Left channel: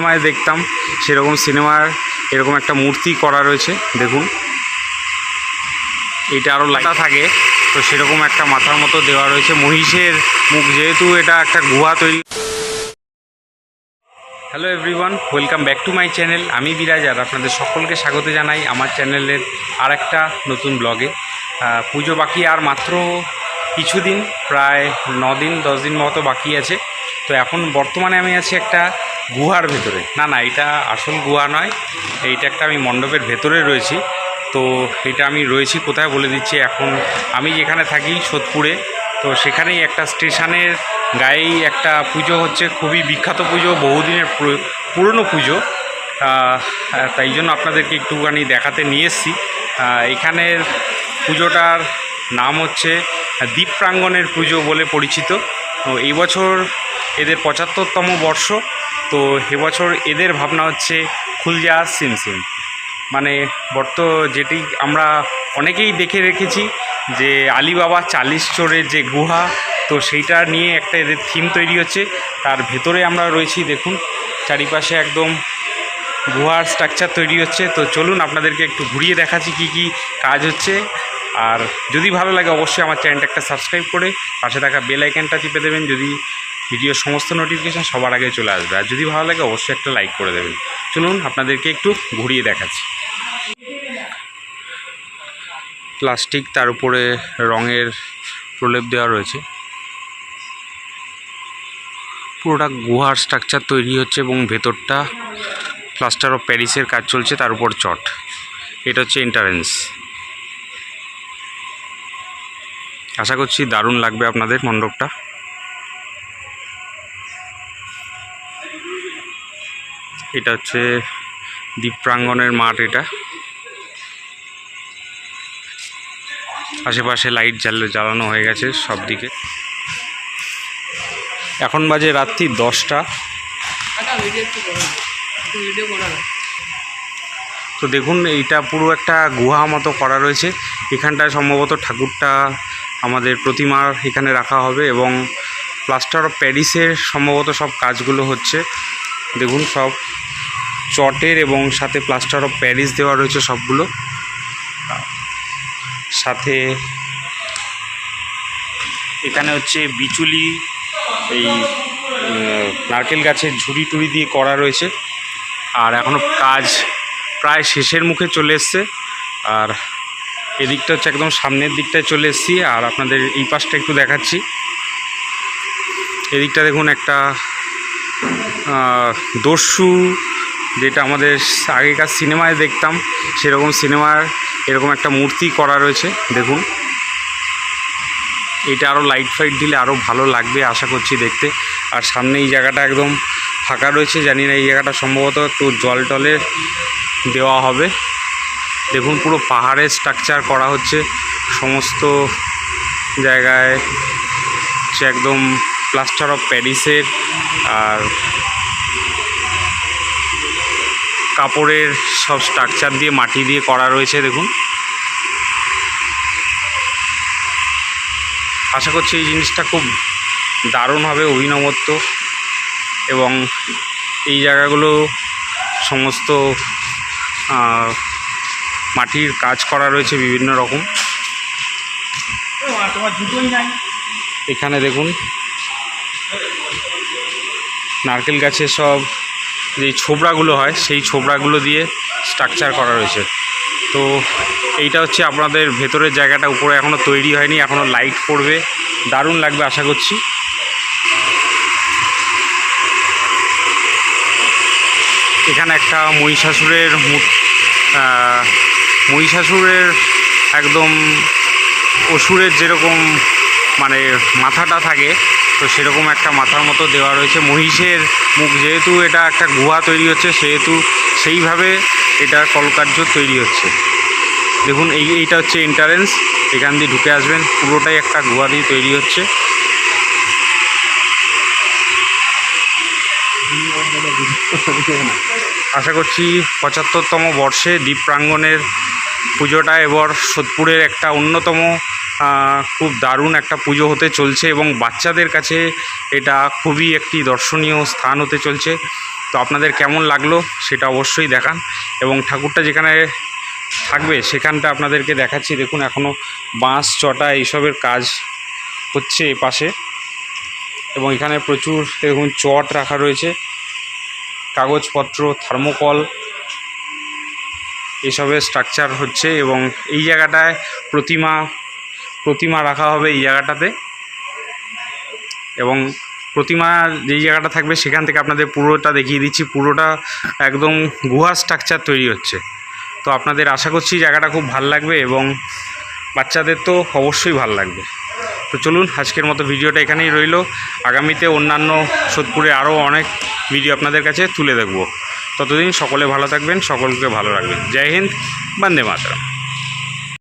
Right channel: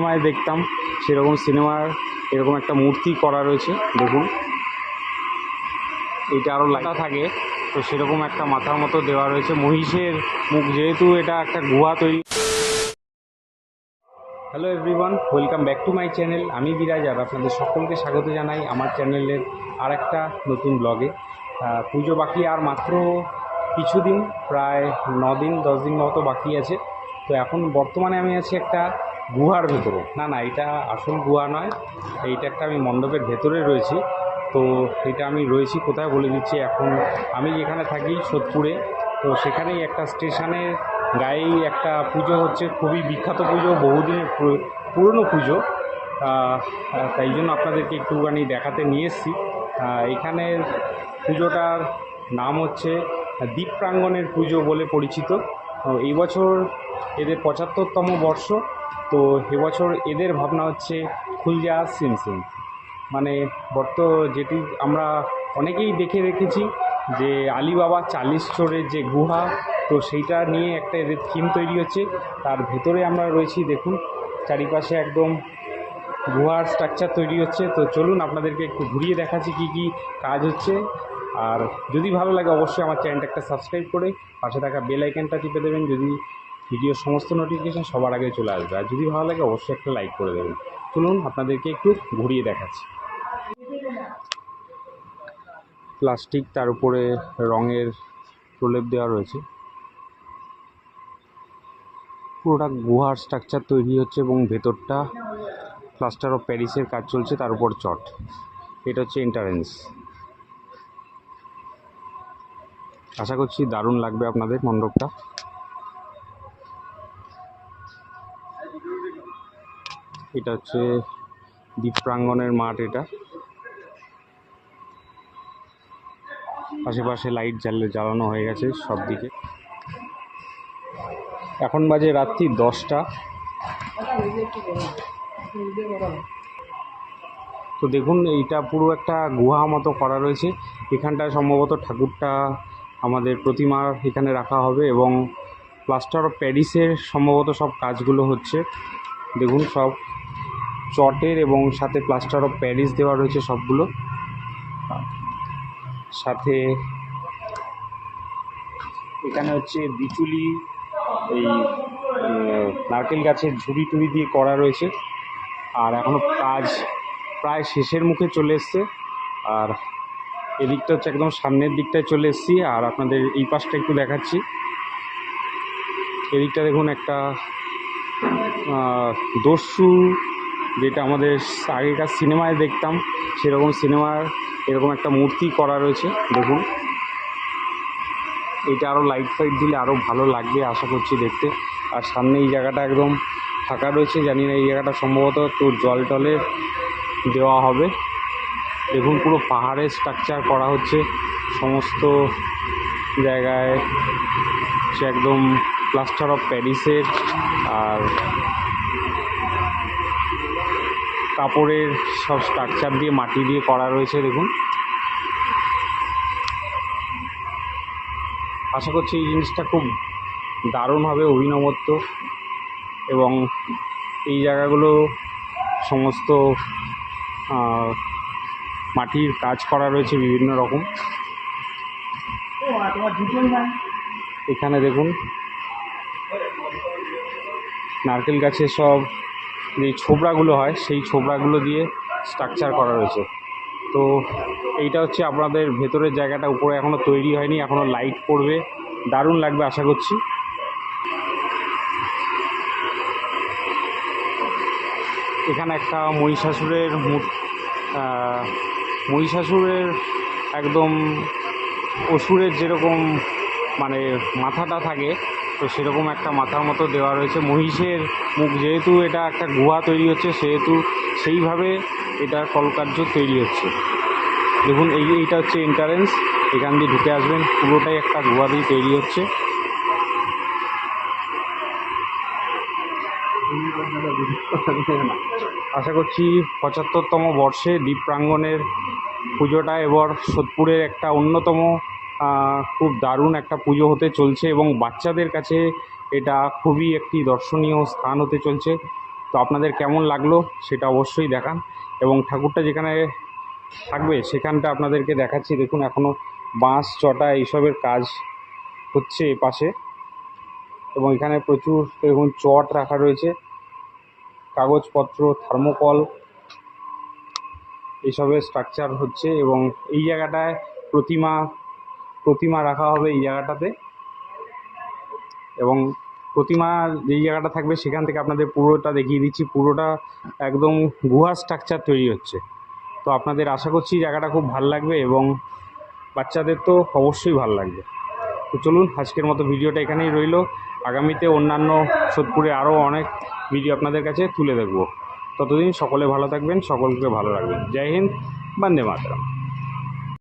সিনেমায় দেখতাম, সেরকম সিনেমার এরকম একটা মূর্তি করা রয়েছে, দেখুন। এটা আরও লাইটা থাকে, তো সেরকম একটা মাথার মতো দেওয়া রয়েছে। মহিষের মুখ যেহেতু এটা একটা গুহা তৈরি। Hello everyone welcome back to my channel আমি বিরাজ আর আপনাদের সকলকে স্বাগত জানাই আমার চ্যানেলের আর একটা নতুন ব্লগে পুজো বাকি আর মাত্র কিছুদিন, প্রায় ন দিন, দশ দিন মতো বাকি আছে। তো এখন বর্তমানে আমি আছি একটা গুহার ভেতরে। না না, এটা আসল গুহা নয়। এইটা একটা আমি মণ্ডপের ভেতরে রয়েছি। তো এটা আমি রয়েছি কোথায় বলে দিচ্ছি? এখন আমি যেখানে থাকি সোদপুরে, তো সেখানেই একটা স্টেশনের গায়েই একটা পুজো হচ্ছে, খুবই বিখ্যাত পুজো, বহুদিনের পুরো- পুরনো পুজো। তাই জন্য আপনাদেরকে একটুখানি দেখাতে নিয়ে এসেছি। এখানের পুজোটার নাম হচ্ছে দ্বীপ প্রাঙ্গণের পুজো বলে পরিচিত। তো এই বছর এদের পঁচাত্তরতম বর্ষ। তো এবছর এদের ভাবনা হচ্ছে খুলজা সিমসিম মানে বর্ত যেটি আমরা অনেকেই দেখে রেখেছি যে আলিবাবা চালিশ চোরের যে গুহা, তো সেইটা নিয়ে একটা এদের থিম তৈরি হচ্ছে। তার ভেতরে আমরা রয়েছি, দেখুন, চারিপাশে একদম গুহার স্ট্রাকচার তৈরি হচ্ছে। তো চলুন আপনাদেরকে একটু ঘুরিয়ে দেখাচ্ছি কি কি কাজ হচ্ছে। আর যদি ভালো লাগে অবশ্যই আমার চ্যানেলটা একটা সাবস্ক্রাইব করে পাশে থাকা বেল আইকনটা টিপে দেবেন। যদি ভিডিওর সমস্ত নোটিফিকেশান সবার আগে চলে আসবে। আর যদি ভালো লাগে, অবশ্যই একটা লাইক করে দেবেন। চলুন, আপনাদেরকে একটু ঘুরিয়ে দেখাচ্ছি। প্লাস্টিক তার উপরে রঙের প্রলেপ দেওয়া রয়েছে। পুরোটা গুহার স্ট্রাকচার তৈরি হচ্ছে এবং ভেতরটা প্লাস্টার অফ প্যারিসের কাজ চলছে, তার উপর চট। এটা হচ্ছে এন্টারেন্স আশা করছি দারুণ লাগবে আপনাদের মণ্ডপটা। এটা হচ্ছে দ্বীপ প্রাঙ্গণের মাঠ এটা। আশেপাশে লাইট জ্বাল, জ্বালানো হয়ে গেছে সব দিকে এখন বাজে রাত্রি দশটা। তো দেখুন, এইটা পুরো একটা গুহা মতো করা রয়েছে। এখানটায় সম্ভবত ঠাকুরটা আমাদের প্রতিমার এখানে রাখা হবে এবং প্লাস্টার অফ প্যারিসের সম্ভবত সব কাজগুলো হচ্ছে। দেখুন সব। চটের এবং সাথে প্লাস্টার অফ প্যারিস দেওয়া রয়েছে সবগুলো। সাথে এখানে হচ্ছে বিচুলি, এই নারকেল গাছের ঝুড়ি টুড়ি দিয়ে করা রয়েছে। আর এখনও কাজ প্রায় শেষের মুখে চলে এসছে। আর এদিকটা হচ্ছে একদম সামনের দিকটায় চলে এসেছি। আর আপনাদের এই পাশটা একটু দেখাচ্ছি। এদিকটা দেখুন একটা দস্যু যেটা আমাদের আগেকার সিনেমায় দেখতাম, সেরকম সিনেমার এরকম একটা মূর্তি করা রয়েছে, দেখুন। এটা আরও লাইট ফাইট দিলে আরও ভালো লাগবে, আশা করছি দেখতে। আর সামনে এই জায়গাটা একদম ফাঁকা রয়েছে, জানি না এই জায়গাটা সম্ভবত একটু জল টলের দেওয়া হবে। দেখুন পুরো পাহাড়ের স্ট্রাকচার করা হচ্ছে, সমস্ত জায়গায় সে একদম প্লাস্টার অফ প্যারিসের আর কাপড়ের সব স্ট্রাকচার দিয়ে মাটি দিয়ে করা রয়েছে, দেখুন। আশা করছি এই জিনিসটা খুব দারুণ হবে, অভিনবত্ব। এবং এই জায়গাগুলো সমস্ত মাটির কাজ করা রয়েছে বিভিন্ন রকম। এখানে দেখুন, নারকেল গাছের সব যে ছোবড়াগুলো হয়, সেই ছোবড়াগুলো দিয়ে স্ট্রাকচার করা রয়েছে। তো এইটা হচ্ছে আপনাদের ভেতরের জায়গাটা, উপরে এখনও তৈরি হয়নি এখনও লাইট পড়বে। দারুণ লাগবে আশা করছি। এখানে একটা মহিষাসুরের মহিষাসুরের একদম অসুরের যেরকম মানে মাথাটা থাকে তো সেরকম একটা মাথার মতো দেওয়া রয়েছে। মহিষের মুখ যেহেতু এটা একটা গুহা তৈরি হচ্ছে, সেহেতু সেইভাবে এটা কলকার্য তৈরি হচ্ছে। দেখুন, এই এইটা হচ্ছে এন্টারেন্স এখান দিয়ে ঢুকে আসবেন, পুরোটাই একটা গুহা দিয়ে তৈরি হচ্ছে। আশা করছি পঁচাত্তরতম বর্ষে দ্বীপ প্রাঙ্গণের পুজোটা এবার সোদপুরের একটা অন্যতম খুব দারুণ একটা পুজো হতে চলছে এবং বাচ্চাদের কাছে এটা খুবই একটি দর্শনীয় স্থান হতে চলছে। তো আপনাদের কেমন লাগল সেটা অবশ্যই দেখান এবং ঠাকুরটা যেখানে থাকবে সেখানটা আপনাদেরকে দেখাচ্ছি। দেখুন এখনও বাঁশ, চটা এইসবের কাজ হচ্ছে এ পাশে এবং এখানে প্রচুর দেখুন চট রাখা রয়েছে। কাগজপত্র, থার্মোকল এইসবের স্ট্রাকচার হচ্ছে এবং এই জায়গাটায় প্রতিমা প্রতিমা রাখা হবে এই জায়গাটাতে। এবং প্রতিমা যেই জায়গাটা থাকবে সেখান থেকে আপনাদের পুরোটা দেখিয়ে দিচ্ছি। পুরোটা একদম গুহা স্ট্রাকচার তৈরি হচ্ছে। তো আপনাদের আশা করছি জায়গাটা খুব ভালো লাগবে এবং বাচ্চাদের তো অবশ্যই ভালো লাগবে। তো চলুন, আজকের মতো ভিডিওটা এখানেই রইল। আগামীতে অন্যান্য সোদপুরে আরও অনেক ভিডিও আপনাদের কাছে তুলে দেখব। ততদিন সকলে ভালো থাকবেন, সকলকে ভালো রাখবেন। জয় হিন্দ, বন্দে মাতরম।